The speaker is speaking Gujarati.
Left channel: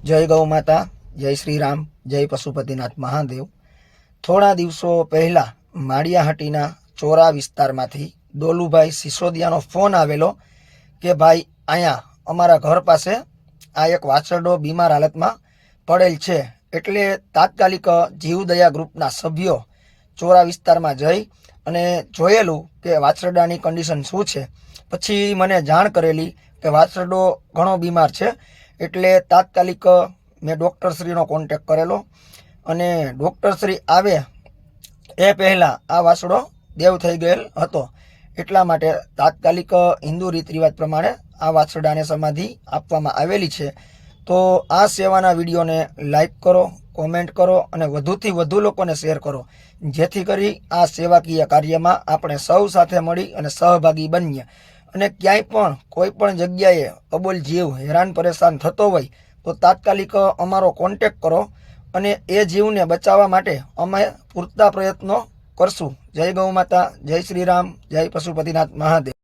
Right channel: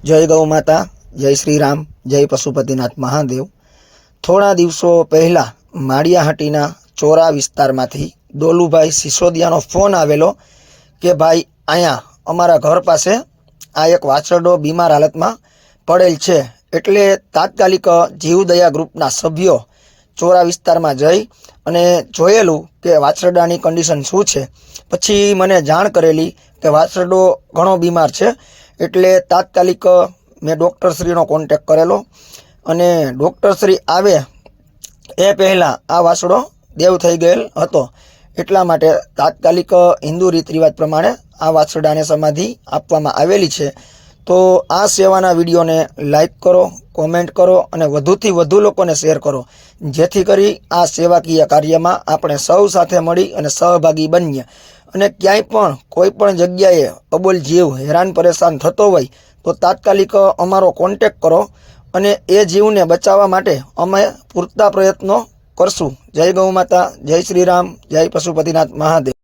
જય ગૌ માતા, જય શ્રી રામ જય પશુપતિનાથ મહાદેવ. થોડા દિવસો પહેલાં માળિયાહાટીના ચોરા વિસ્તારમાંથી ડોલુભાઈ સિસોદિયાનો ફોન આવેલો કે, ભાઈ અહીંયા અમારા ઘર પાસે આ એક વાછરડો બીમાર હાલતમાં પડેલ છે. એટલે તાત્કાલિક જીવદયા ગ્રુપના સભ્યો ચોરા વિસ્તારમાં જઈ અને જોયેલું કે વાછરડાની કન્ડિશન શું છે. પછી મને જાણ કરેલી કે વાછરડો ઘણો બીમાર છે. એટલે તાત્કાલિક મેં ડૉક્ટરશ્રીનો કોન્ટેક કરેલો. અને ડૉક્ટરશ્રી આવે એ પહેલાં આ વાસડો દેવ થઈ ગયેલ હતો. એટલા માટે તાત્કાલિક હિન્દુ રીત રિવાજ પ્રમાણે આ વાસડાને સમાધિ આપવામાં આવેલી છે. તો આ સેવાના વિડીયોને લાઈક કરો, કોમેન્ટ કરો અને વધુથી વધુ લોકોને શેર કરો. જેથી કરી આ સેવાકીય કાર્યમાં આપણે સૌ સાથે મળી અને સહભાગી બનીએ. અને ક્યાંય પણ કોઈ પણ જગ્યાએ અબોલ જીવ હેરાન પરેશાન થતો હોય, તો તાત્કાલિક અમારો કોન્ટેક કરો અને એ જીવને બચાવવા માટે અમે પૂરતા પ્રયત્નો કરશું. જય ગૌ માતા, જય શ્રી રામ, જય પશુપતિનાથ મહાદેવ.